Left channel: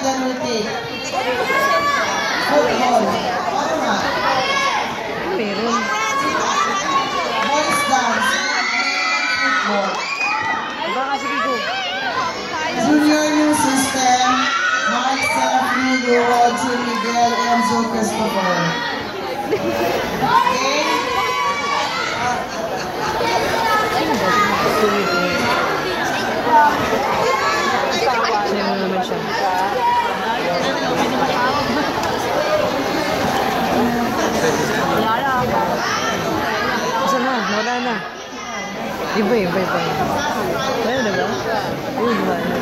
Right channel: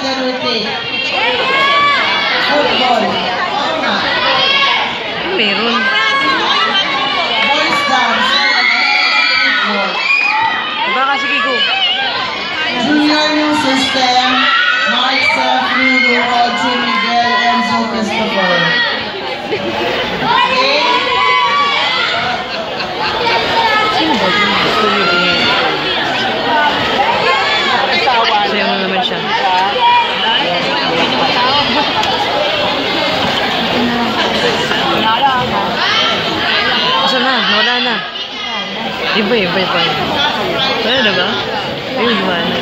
Brandon Rutik. Football. Meron. Boys dance. Baka sige ko. Junior New System. Mike, Seth, Lugo, Audrey, Miguel, Enzo, Christopher. Okay? Sayo mo naman siya. Asan na? Nawala na. Iba. Wala na ba? Ayun, wala na.